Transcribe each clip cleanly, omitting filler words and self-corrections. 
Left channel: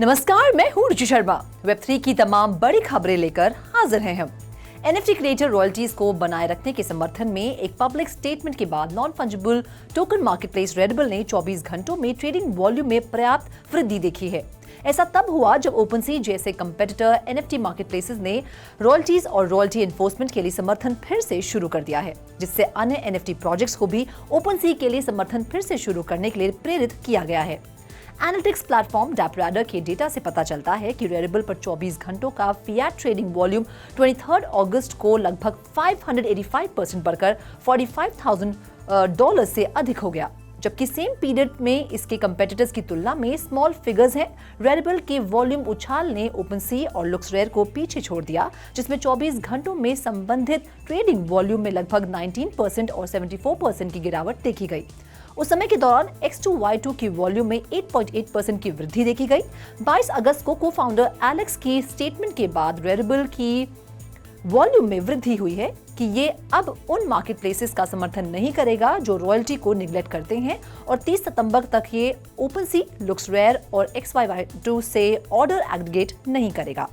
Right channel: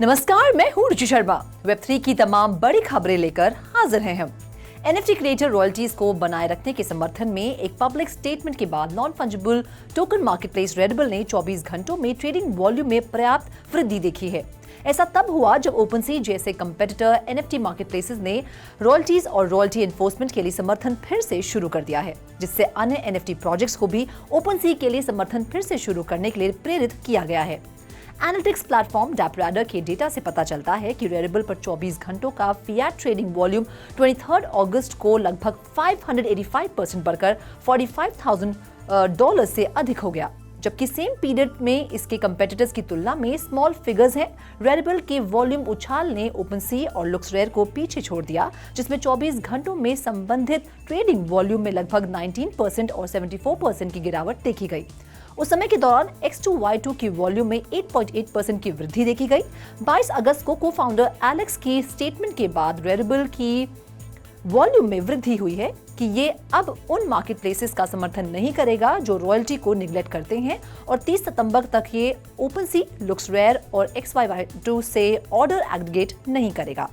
नमस्कार, मैं हूँ रुचि शर्मा। वेब3 की तमाम बड़ी खबरें लेकर हाजिर हैं हम। एनएफटी क्रिएटर रॉयल्टीज को बनाए रखने के समर्थन में एक पब्लिक स्टेटमेंट के बाद नॉन फंजिबल टोकन मार्केटप्लेस रेडिबल ने 24 घंटों में ट्रेडिंग वॉल्यूम में पर्याप्त वृद्धि देखी है। ऐसा तब हुआ जब ओपनसी जैसे कंपेटिटर एनएफटी मार्केटप्लेसेस ने रॉयल्टीज और रॉयल्टी एनफोर्समेंट के लिए समर्थन फिर से शुरू कर दिया है, जिससे अन्य एनएफटी प्रोजेक्ट्स को भी ओपनसी के लिए समर्थन फिर से शुरू करने के लिए प्रेरित किया गया है। एनालिटिक्स प्लेटफॉर्म डैपराडर के डेटा से पता चलता है कि रेडिबल पर 24 घंटों का फिएट ट्रेडिंग वॉल्यूम 23 अगस्त को लगभग 585% बढ़कर $45,000 से अधिक हो गया, जबकि सेम पीरियड में इसके कंपेटिटर्स की तुलना में स्मॉल फिगर्स हैं। रेडिबल के वॉल्यूम उछाल ने ओपनसी और लुक्सरेयर को पीछे छोड़ दिया, जिसमें 24 घंटों में संबंधित ट्रेडिंग वॉल्यूम में लगभग 19% और 74% की गिरावट देखी गई। उस समय के दौरान X2Y2 की वॉल्यूम में 8.8% की वृद्धि देखी गई। 22 अगस्त को को-फाउंडर एलेक्स की स्टेटमेंट के बाद रेडिबल की वॉल्यूम में वृद्धि हुई है कि ये अब उन मार्केटप्लेसेस का समर्थन नहीं करेगा जो रॉयल्टी को निगलेक्ट करते हैं, और 30 सितंबर तक ये ओपनसी, लुक्सरेयर और XY2 से ऑर्डर एग्रीगेट नहीं करेगा।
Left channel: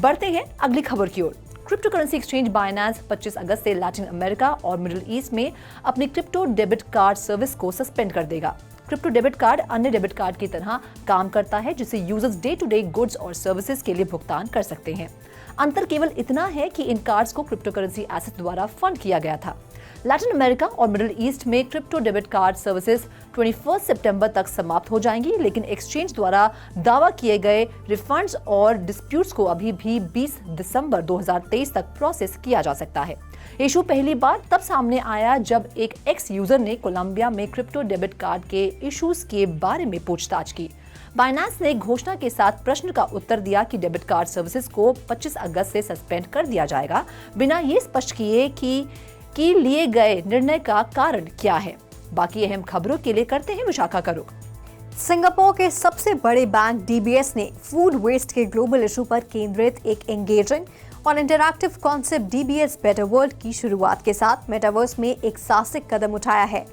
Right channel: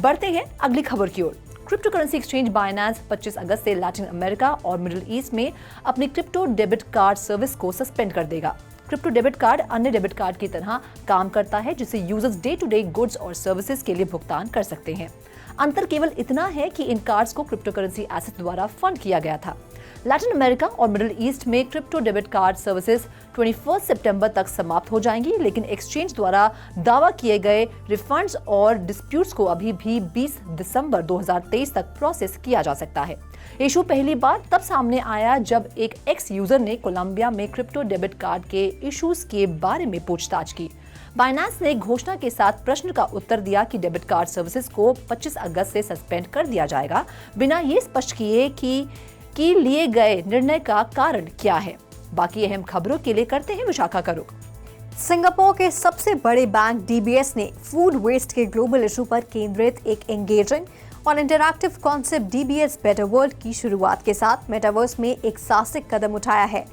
बढ़ते हैं अगली खबर की ओर। क्रिप्टो करेंसी एक्सचेंज बाइनेंस 25 अगस्त से लैटिन अमेरिका और मिडिल ईस्ट में अपनी क्रिप्टो डेबिट कार्ड सर्विस को सस्पेंड कर देगा। क्रिप्टो डेबिट कार्ड अन्य डेबिट कार्ड की तरह काम करता है, जिससे users day to day goods और सर्विसेज के लिए भुगतान कर सकते हैं। अंतर केवल इतना है कि इन कार्ड्स को क्रिप्टो करेंसी एसेट द्वारा फंड किया गया था। लैटिन अमेरिका और मिडिल ईस्ट में क्रिप्टो डेबिट कार्ड सर्विसेज 21 सितंबर तक समाप्त हो जाएंगी, लेकिन एक्सचेंज द्वारा दावा किए गए रिफंड्स और डिस्प्यूट्स को अभी भी 20 दिसंबर 2023 तक प्रोसेस किया जा सकता है। इशू पहली बार तब सामने आया जब एक एक्स यूजर ने कोलंबिया में क्रिप्टो डेबिट कार्ड के इश्यूज के बारे में पूछताछ की। बाइनेंस ने घोषणा के साथ प्रश्न का उत्तर दिया कि डेबिट कार्ड सर्विसेज को 25 अगस्त से सस्पेंड कर दिया जाएगा, बिना ये स्पष्ट किए कि लिए गए निर्णय का कारण क्या है। बाकी अहम खबरों के लिए करते हैं मुशाखा का रुख। सिंगापुर के सबसे बड़े बैंक डीबीएस ने फूड वेस्ट के ग्लोबल इशू पर केंद्रित एक एंगेजिंग और interactive concept DBS better world की शुरुआत के साथ मेटावर्स में एक साहसिक कदम उठाया है।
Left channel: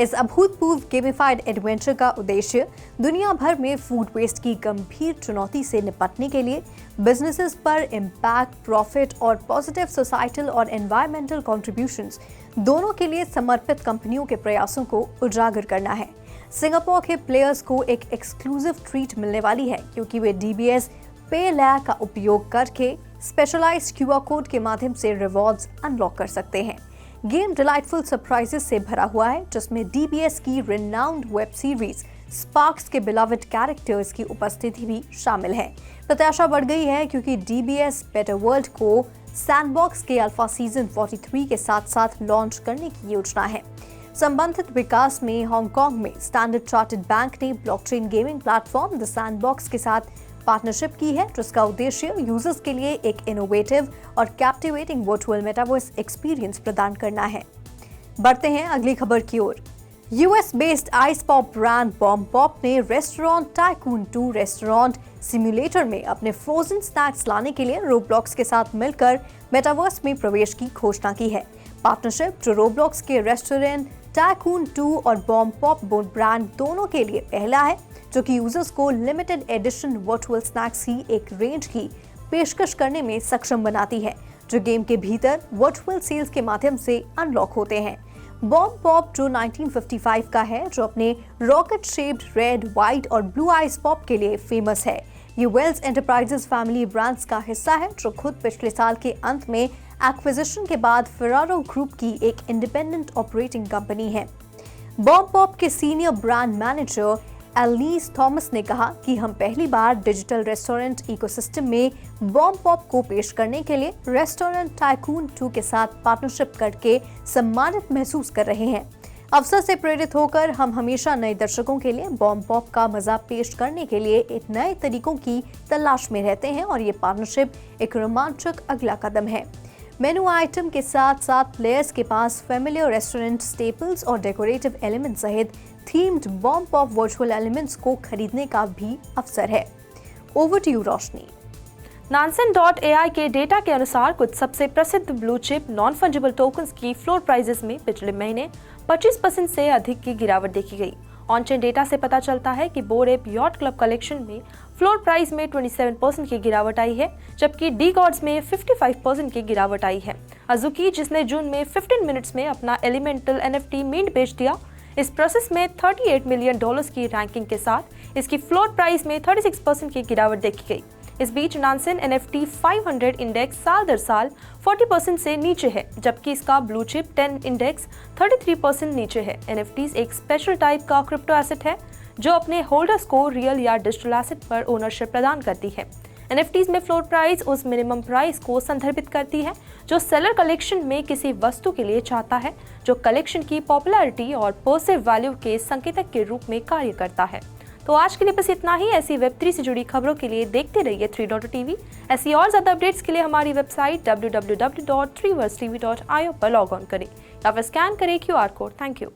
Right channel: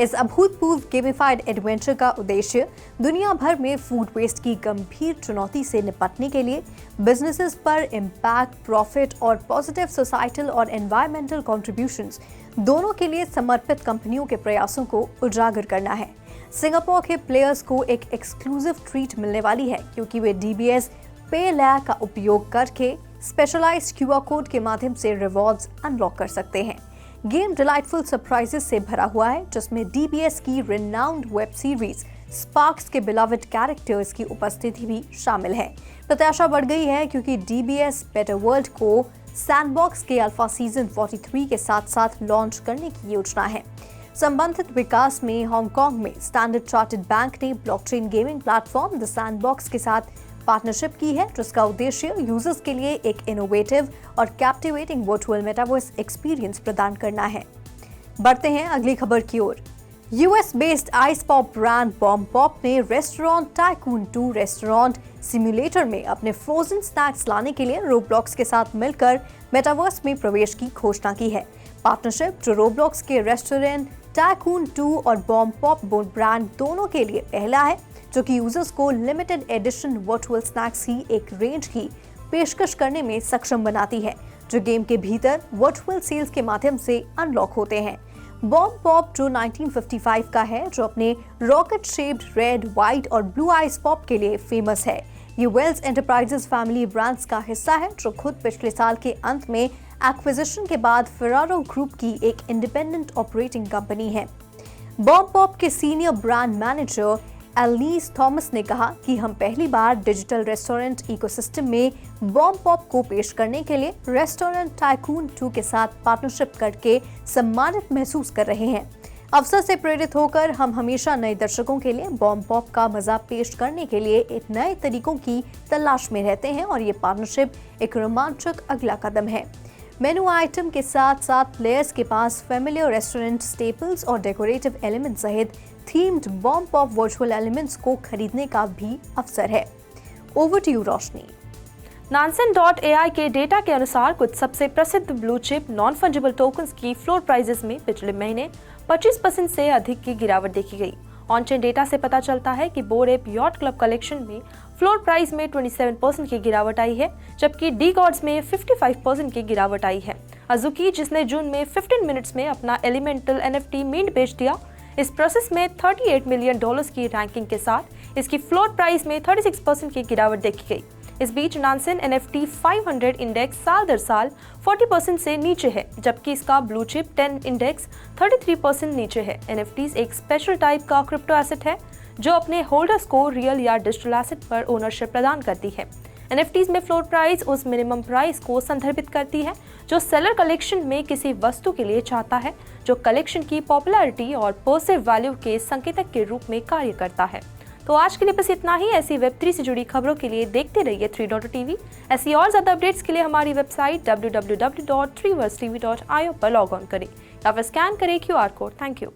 इस अभूतपूर्व गेमिफाइड एडवेंचर का उद्देश्य दुनिया भर में फूड वेस्ट की गंभीर चुनौती से निपटने के लिए बिजनेसेस पर इम्पैक्ट, प्रॉफिट और पॉजिटिव सोसाइटल और एनवायरमेंटल कॉन्ट्रीब्यूशंस दोनों के लिए समर्पित कंपनियों के प्रयासों को उजागर करना है। सिंगापुर के प्लेयर्स को एक एक्सक्लूसिव ट्रीट मिलने वाली है, क्योंकि वे डीबीएस पे लेयर का उपयोग करके स्पेशलाइज्ड क्यूआर कोड के माध्यम से रिवॉर्ड्स अनलॉक कर सकते हैं। गेम डिलाइटफुल सरप्राइजेस से भरा हुआ है, जिसमें डीबीएस की रिनाउंड वेब सीरीज स्पार्क्स के बिलवड कैरेक्टर्स की उपस्थिति भी शामिल है। प्रत्याशा बढ़ गई है क्योंकि डीबीएस बेटर वर्ल्ड को सैंडबॉक्स के अल्फा सीजन 43 के साथ साथ लॉन्च करने की योजना है। संबंधित विकास में हांगकांग में स्टैंडर्ड चार्टर्ड बैंक ने blockchain gaming platform the sandbox के साथ पार्टनरशिप की है, जिसका उद्देश्य यूजर्स के लिए एक इनोवेटिव और कैप्टिवेटिंग वर्चुअल मेटावर्स एक्सपीरियंस प्रदान करना है। बढ़ते हैं अगली खबर की ओर। US based ice pop brand Bomb Pop ने रेस्टोरेंट टाइकून 2 रेस्टोरेंट सिम्युलेटर में अपने फ्रोजन स्नैक्स लाने के लिए रोब्लॉक्स के साथ मिलकर मेटावर्स में प्रवेश की घोषणा की है। पार्टनरशिप जो रोब्लॉक्स के रेस्टोरेंट टाइकून 2 और बॉम पॉप ब्रांड दोनों के लिए पहला है, जो कि यूजर्स को लिमिटेड एडिशन वर्चुअल स्नैक्स की एक रेंज की पेशकश करने में सक्षम बनाती है, जो गेम के भीतर वर्चुअल सेल्स के माध्यम से अनलॉक होते हैं। बॉम पॉप जो 1955 का है, जो अपने रॉकेट शेप्ड रेड, व्हाइट और ब्लू आइस पॉप के लिए फेमस है। ये वेल्स एंटरप्राइजेस फैमिली ब्रांड्स का हिस्सा है, जो खुद पिछले साल के अंत में एक्विजिशन के बाद फेरारो ग्रुप की एक इंडिपेंडेंट ऑपरेटिंग कंपनी है। बॉम पॉप के सीनियर ब्रांड मैनेजर एलनीस थॉमस ने कहा कि हम पहली बार डिजिटल रेस्टोरेंट इकोसिस्टम में बॉम पॉप को पेश करने के लिए रेस्टोरेंट टाइकून 2 के साथ पार्टनरशिप करके सम्मानित महसूस कर रहे हैं। अवसर से प्रेरित होकर हम हमेशा नए दर्शकों के लिए बॉम पॉप का मजा पेश करने के लिए एक नए तरीकों की तलाश में रहते हैं, और ये पार्टनरशिप एक रोमांचक अगला कदम है। मेनू आइटम के साथ साथ प्लेयर्स के पास फेमिलियर रेस्टोरेंट स्टेपल्स और डेकोरेटिव एलिमेंट सहित themed bomb pop virtual elements को खरीदने का भी अवसर है। Over to you Roshni. Nansen.ai के डेटा के अनुसार कुछ सबसे प्रसिद्ध blue chip non fungible tokens की फ्लोर प्राइसेस में पिछले महीने 25% से अधिक की गिरावट देखी गई। ऑन-चेन डेटा से पता चलता है कि board app yacht club collection में फ्लोर प्राइस में 27% की गिरावट आई है, जबकि डी गॉड्स में 55% की गिरावट आई है। अजुकी, जिसने जून में 15 मिनट्स में अपना एलिमेंटल NFT मिंट बेच दिया, इस प्रोसेस में $38 मिलियन की रैंकिंग के साथ इसकी फ्लोर प्राइस में 36% की गिरावट देखी गई। इस बीच नानसेन NFT 500 इंडेक्स साल दर साल 40% से नीचे है, जबकि इसका ब्लू चिप 10 इंडेक्स 33% नीचे है। NFTs एक स्पेशल टाइप का क्रिप्टो एसेट है जो अपने होल्डर्स को रियल या डिजिटल एसेट पर ओनरशिप प्रदान करती है। NFTs में फ्लोर प्राइस उस मिनिमम प्राइस को संदर्भित करती है जो सेलर कलेक्शन में किसी वस्तु के लिए चाहता है, जो कलेक्शन की पॉपुलैरिटी और परसेव वैल्यू के संकेतक के रूप में कार्य करता है। तो आज के लिए बस इतना ही। ऐसी वेब3 से जुड़ी खबरों के लिए देखते रहिए 3.TV। ऐसी और ज्यादा अपडेट्स के लिए हमारी वेबसाइट www.3versetv.io पर लॉग ऑन करें या फिर स्कैन करें QR कोड। Thank you.